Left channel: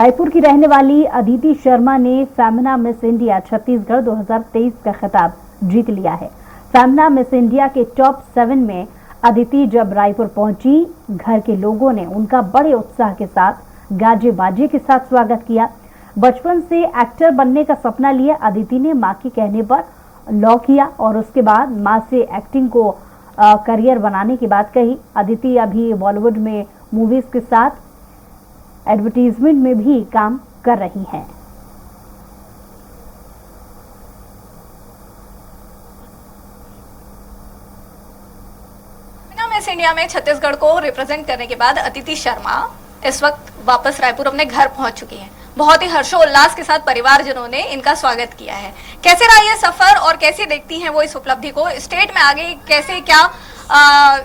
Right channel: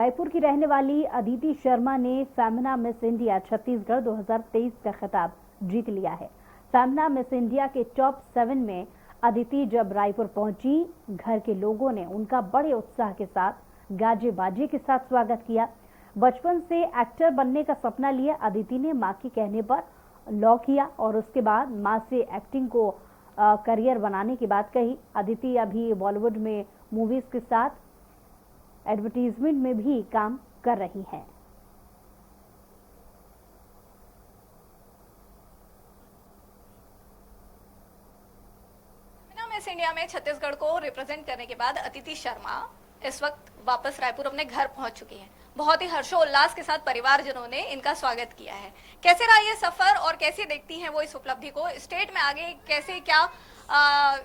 रायपुर की रहने वाली अदिति शर्मा ने फेमिना मिस इंडिया छत्तीसगढ़ 2023 का खिताब जीत लिया है। फेमिना मिस इंडिया के टॉप 7 में अदिति जब रायपुर पहुंची, घर के लोगों ने उनका बड़े उत्साह के साथ गाजे बाजे के साथ स्वागत किया। बचपन से एक्टर बनने का सपना लिया अदिति ने मां के कहने पर लॉ किया और उसके बाद मां से एक्टिंग को करियर बनाने की बात कही। अदिति अभी बॉलीवुड में मूवीज के साथ एडवर्टीजमेंट में भी काम कर रही हैं। मिस इंडिया में छत्तीसगढ़ को रिप्रेजेंट करने के बाद अदिति शर्मा इस वक्त वापस रायपुर अपने घर पहुंच चुकी हैं। बहुत ही हर्षोल्लास के साथ परिवारजनों ने इनका स्वागत किया है। कैसे रहा ये सफर और कैसे देखती हैं वो इस उपलब्धि को? स्टेट में आगे कैसे क्या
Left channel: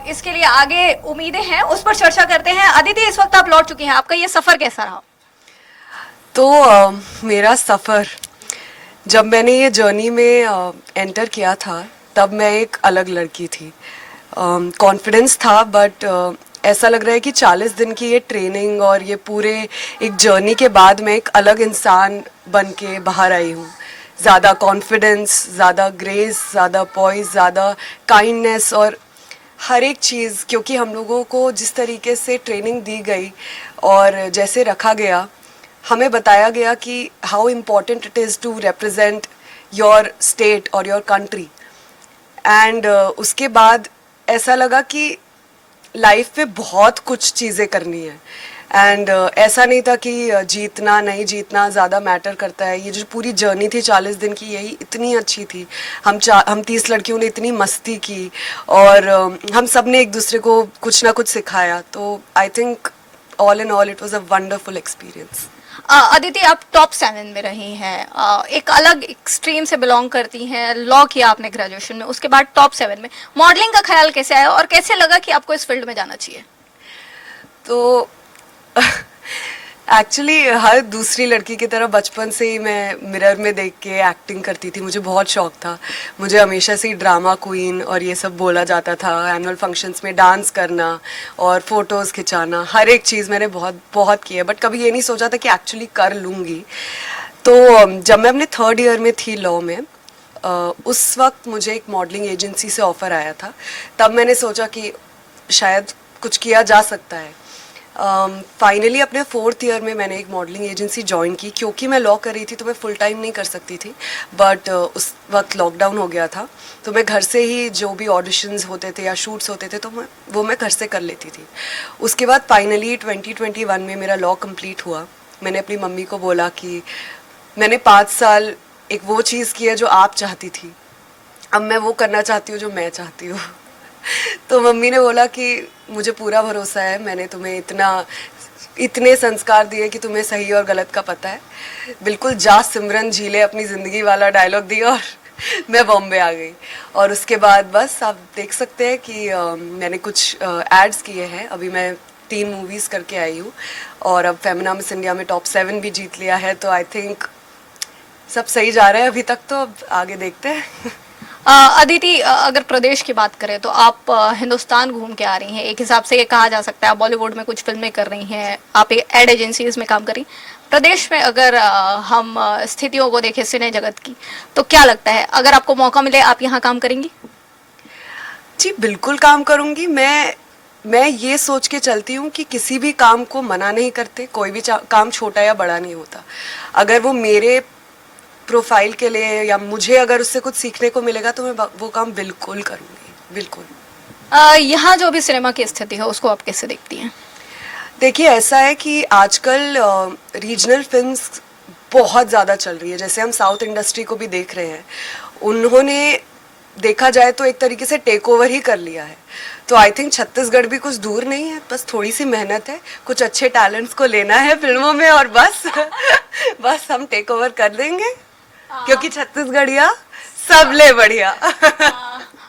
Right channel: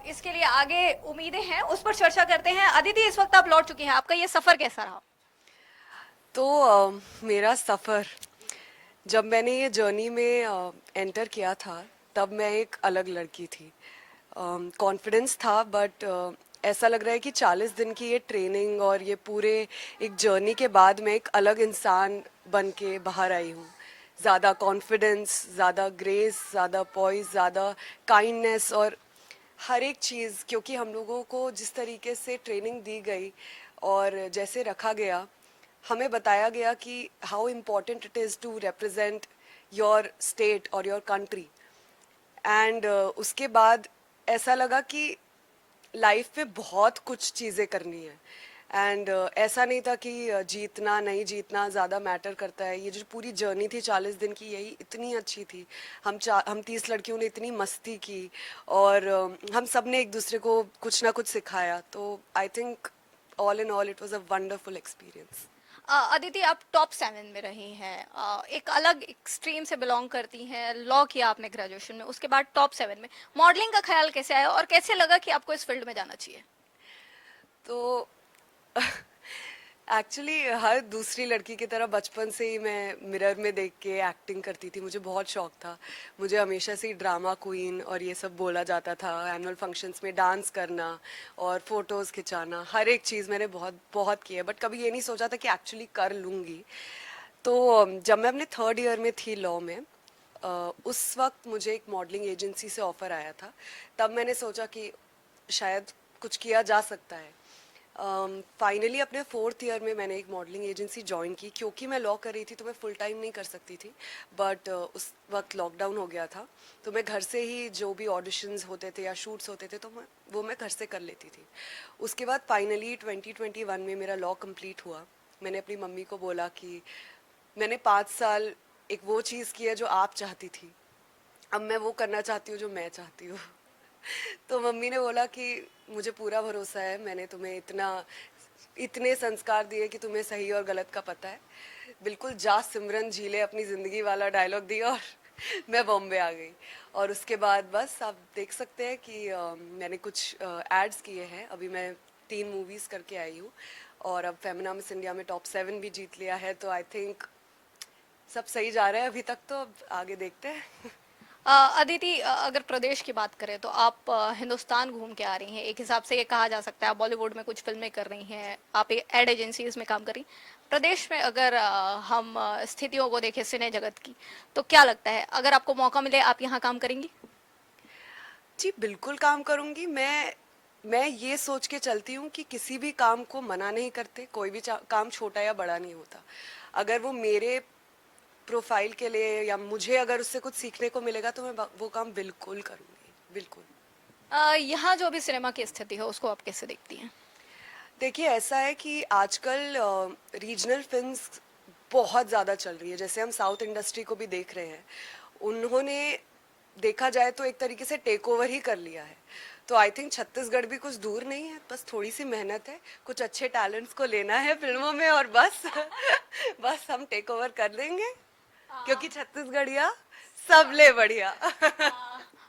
इसके लिए आगे उम्मीदें हैं, उस पर चर्चा करते हैं। अदिति, इस वक्त आप लौट चुकी हैं, आपका ये सफर कैसा रहा? तो मेरा सफ़र, जब मैंने ये जर्नी में एंटर किया था तब मैं एक अलग लड़की थी। कॉन्फिडेंस था, बट ऐसा लग रहा है कि 40 दिन की ये ट्रेनिंग और ये पूरे एक जर्नी के बाद मैं एक अलग इंसान बन के बाहर आई हूँ। ज़्यादा कॉन्फिडेंस, ज़्यादा ग्रेस, ज़्यादा पॉइज, ज़्यादा काइंडनेस और हर एक चीज़, क्योंकि हम लोगों को जिस तरीके से ट्रेनिंग दी गई और जैसे रखा गया, हमें बताया गया कि how important it is to represent your state और योर कंट्री। एंड उसके बाद ऐसा लगा कि लाइफ में बहुत कुछ चीज़ें करनी है। एंड ऐसा नहीं था कि जीतना नहीं जीतना ज़्यादा मैटर करता है। ये जो पूरी जर्नी थी 40 दिन की, यही इतनी अच्छी थी। हम 30 लड़कियों ने इतनी मस्ती की और हम सब ने एक दूसरे को कुछ ना कुछ सिखाया। तो I think all in all it was a wonderful experience. Aditi, आप टॉप 7 में रही हैं, एक अलग स्ट्रीम से बिलोंग करती हैं, लॉ किया आपने ग्रेजुएशन में, उसके बाद टॉप 7 में मॉडलिंग का ख्याल कैसे आया और कैसे लगा कि आपको इस फील्ड में जाना चाहिए? तो एक्चुअली हर दूसरी लड़की की तरह बचपन से ही मैं मिरर में देख के एक्टिंग करती थी। मुझे बहुत शौक था। मुझे हमेशा से ही ड्रामा क्वीन और ये सब बोला जाता था। एनुअल फंक्शंस में डांस करना और फोटोज़ खिंचाना, हर एक चीज़ मैंने बहुत बहुत की है, बट कभी ये नहीं सोचा था कि एक्चुअली कर लूँगी। तो जब मैं अपने 3rd ईयर में थी लॉ में, उस वक्त मुझे एक मॉडलिंग एजेंसी से ऑफ़र आया था। तब मैंने सोचा कि शायद कुछ किया जा सकता है। फाइनली अपने 4th ईयर में मैंने एक मॉडलिंग एजेंसी ज्वाइन की। क्योंकि मैं लॉ कर रही थी तो मैं फुल टाइम नहीं कर सकती थी, बट उस वक्त लॉकडाउन हो गया था, तो मैं घर से ही जो भी ऑडिशंस होते थे या शूट्स होते थे तो मैं घर से कर लेती थी। उसके बाद फाइनली 2021 में मेरा लॉ कंप्लीट हुआ। मैंने अपनी मम्मी को बोला कि मैंने 5 साल एक वो चीज़ की है जो आप चाहती थी, अब मैं वो करना चाहती हूँ जो मैं चाहती हूँ। तो मम्मी ने बोला कि मुझे पूरा भरोसा है, मैंने तुम्हें इतने संस्कार दिए कि तुम्हें सही और गलत का पता है। बिल्कुल जा सिमरन जी ले अपनी ज़िंदगी वाला डायलॉग दिया और मैं बॉम्बे आ गई। और उसके बाद बस आप देख सकते हैं कि मैंने कुछ एड्स किए हैं। अभी मैं 3 मूवीज़ करके आई हूँ और अब फेमिना मिस इंडिया में टॉप 7 भी जीत लिया है। तो आई थिंक सब सही जा रहा है अभी तक, तो अब आगे देखते हैं। अदिति, अगर प्रदेश की बात करें तो आप हिंदुस्तान घूम के आ रही हैं। एक हिसाब से ये कहा जा सकता है आप बॉलीवुड में कुछ फिल्में कर रही हैं, आप एड एजेंसीज में काम कर रही। प्रदेश में अगर हम स्थितियों को देखें सिने जगत की, तो क्या लगता है अगर आपको मौका मिले आप यहाँ काम करेंगी? जी बिल्कुल काम करूँगी। मैं ये सोच के चलती हूँ कि किसी भी काम को मना नहीं करते। कोई भी काम छोटा या बड़ा नहीं होता। अगर वो मेरे प्रोफाइल के लिए या मुझे अगर उससे कुछ सीखने को मिलेगा तो मैं वो काम बिल्कुल करूँगी, बिल्कुल। यहाँ जो भी सिनेमा की स्थिति है उसको आप कैसे देखती हैं? देखिए, ऐसा है कि आजकल रीजनल फिल्म्स बहुत ज़्यादा चल रही है। जैसे हम साउथ इंडस्ट्री को भी देख रहे हैं, उन्होंने देखा जाए तो एक तरीके से टेक ओवर ही कर लिया है। तो आई थिंक छत्तीसगढ़ भी कुछ दूर नहीं है, बस थोड़ी सी मेहनत है, कुछ अच्छे टैलेंट्स को लेना है फिल्मों में और बस बस हम टेक ओवर कर देंगे, क्योंकि छत्तीसगढ़िया सबले बढ़िया।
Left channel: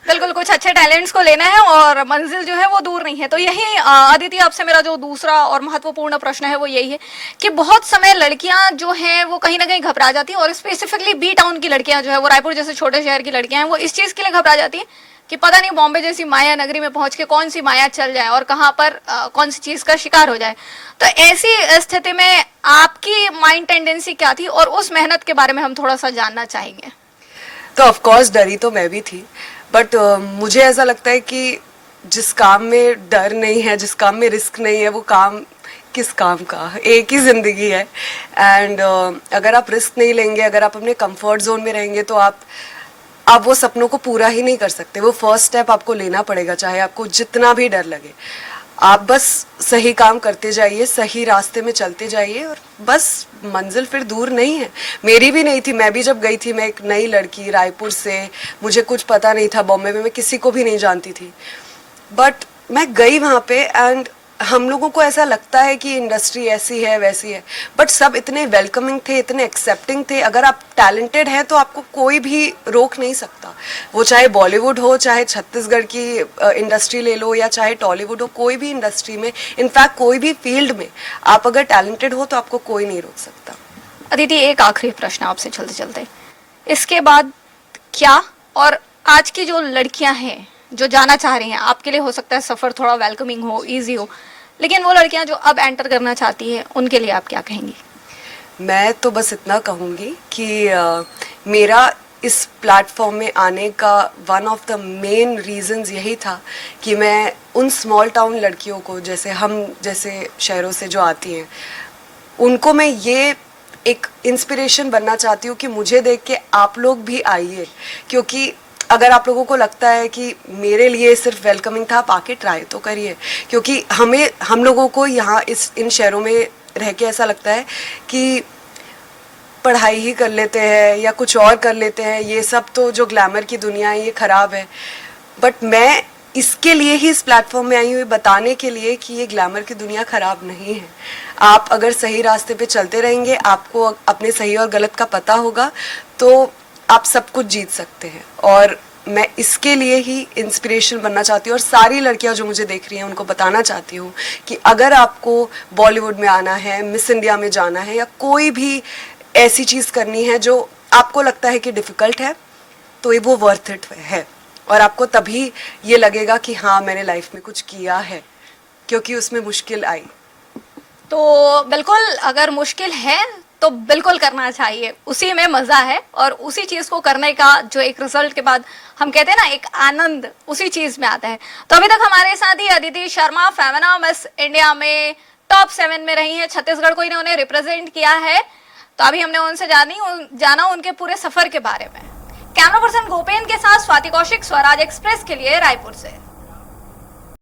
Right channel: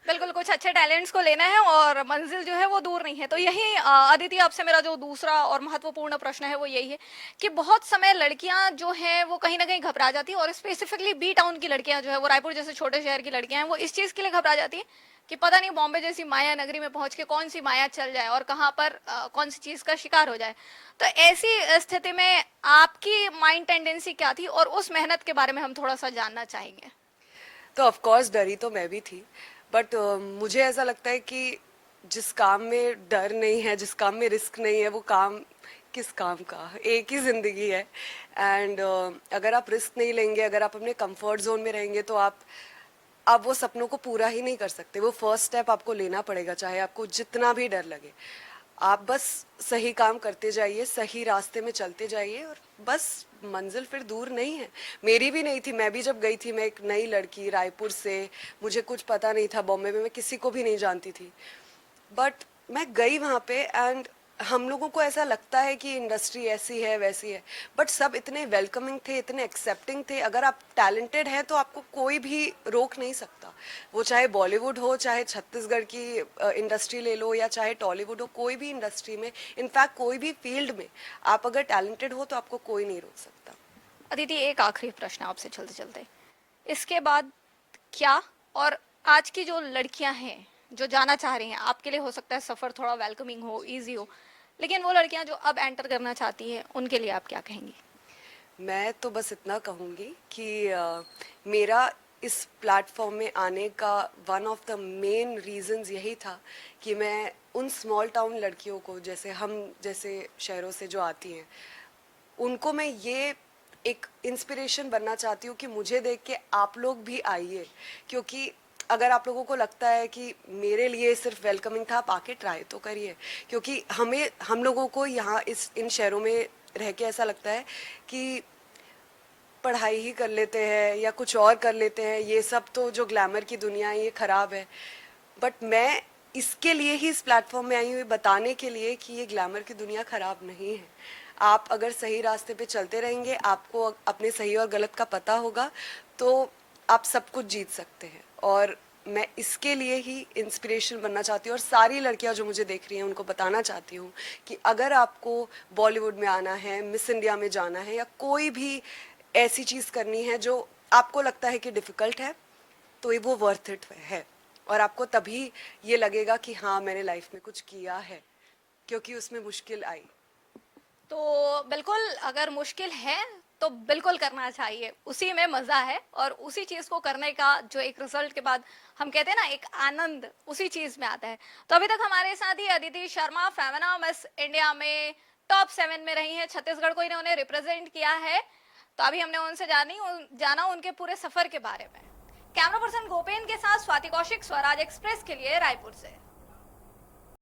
बिल्कुल, कुछ अच्छे टैलेंट्स को लेना है और मंजिल जो है वो दूर नहीं है। तो यही अदिति, आपसे मेरा जो दूसरा और महत्वपूर्ण प्रश्न है वो यही है कि बहुत समय लड़कियां जो हैं वो कहीं ना कहीं घबरा जाती हैं, और स्पेसिफिकली बी टाउन की लड़कियां जो है वो रायपुर जैसे छोटे शहर की लड़कियां हैं वो इस चीज़ के लिए घबरा जाती हैं कि पता नहीं बॉम्बे जैसी माया नगरी में पहुंच के कौन सी माया चल जाए और कहां पर कौन सी चीज का शिकार हो जाए। तो ऐसी स्थिति में आपकी माइंड टेंडेंसी क्या थी और उस मेहनत के बारे में हम थोड़ा सा जानना चाहेंगे। तो ऑफ कोर्स डरी तो मैं भी थी, बट मुझे ऐसा लगता है कि जिस काम में डर नहीं है, जिस काम में रिस्क नहीं है, वो काम किस काम का, एक ही जिंदगी है। एंड अगर आप रिस्क नहीं लेंगे, अगर आप अपने कंफर्ट जोन में रहेंगे, तो आप वो सपनों को पूरा ही नहीं कर सकते। वो फर्स्ट स्टेप आपको लेना पड़ेगा, चाहे आपको जितना भी डर लगे। आप बस सही काम करते जाइए, सही रास्ते में चलते जाइए, और बस मंजिल फिर दूर नहीं है। मेरी भी नहीं थी, मैं भी जब गई थी, मैं एक नई लड़की रायपुर से, मुझे कुछ पता नहीं था, बॉम्बे में मैं किसी को भी नहीं जानती थी, बट मैं गई वहाँ पे। एंड हम लोगों को ऐसा लगता है कि इंडस्ट्री ऐसी है वैसी है, बट सब इतने वेलकमिंग थे, इतने एक्सेप्टिंग थे। अगर आप टैलेंटेड हैं तो आपको कोई भी रोक नहीं सकता, वो चाहे बॉलीवुड हो, चाहे छत्तीसगढ़ की इंडस्ट्री ले लो, या चाहे टॉलीवुड हो, कोई भी इंडस्ट्री में, इनफैक्ट कोई भी फील्ड में आप अगर टैलेंटेड हो तो आपको कोई नहीं रोक सकता। अदिति, एक आखिरी प्रश्न आपसे चलते चलते, इसके बाद क्या, और आज की जो लड़कियां हैं जो जाना चाह रही हैं, आपके लिए हो सकता है सफर थोड़ा वेलकमिंग हो, इजी हो, लेकिन वो लड़कियां जो अब एंटर करना चाहती है, उनके लिए आप क्या कहेंगी? मैं तो बस इतना कहूँगी कि मेरा इस प्लेटफॉर्म में आने का one of the main reasons यही था कि मैं उन स्मॉल टाउन लड़कियों को, जैसे हम जैसे शहरों से जो आती हैं, उनको मैं ये एक इंस्पिरेशन बनना चाहती हूँ कि मुझे देख के आप लोग भी आइए। क्योंकि अगर आप लोगों को लगता है कि मेरे लिए सिर्फ वेलकमिंग था, आप आके ट्राई तो करिए। क्योंकि हम लोगों को यहाँ इन शहरों में रह के ऐसा लगता है कि पढ़ाई ही कर लेते हैं या कुछ और कर लेते हैं, ये सब तो जो ग्लैमर की दुनिया है ये ख़राब है। बट मैं इसके लिए ही इस प्लेटफॉर्म में आई हुई, बताने के लिए कि ये ग्लैमर की दुनिया ख़राब नहीं है। आप अगर सही रास्ते पे चलते रहेंगे, आपको अपने सही और गलत का पता होगा, तो आप सब कुछ जीत सकते हैं। और मैं इसके लिए ही इंस्पिरेशन बनना चाहती हूँ, और सारी लड़कियां जो मुझे देख रही हैं उनको बताना चाहती हूँ कि अगर आपको बॉलीवुड में आना है, मिस इंडिया में जाना है, या कोई भी ऐसी चीज़ करनी है जो आपको लगता है कि डिफ़िकल्ट है, तो ये वो वर्थ इट है। और आपको तभी ये लगेगा कि हाँ, मैंने लाइफ में कुछ किया है, क्योंकि उसमें मुश्किल आई। तो बिल्कुल, अगर मुश्किल है तो बिल्कुल करना चाहिए, उसी में मजा है, और उसी चीज को करने का जो एक रिजल्ट के बाद हम कहते हैं ना, एक आनंद उसी चीज में आता है। तो अभी तक हमारे साथ ही अदिति शर्मा फेमिना मिस इंडिया में टॉप 7 में रही हैं, छत्तीसगढ़ को इन्होंने रिप्रेजेंट किया है। तो अभी हमने उनसे जाना उनके पूरे सफर के बारे में। कैमरा पर्सन गोपेन के साथ स्वाति कौशिक, स्वराज एक्सप्रेस के लिए रायपुर से।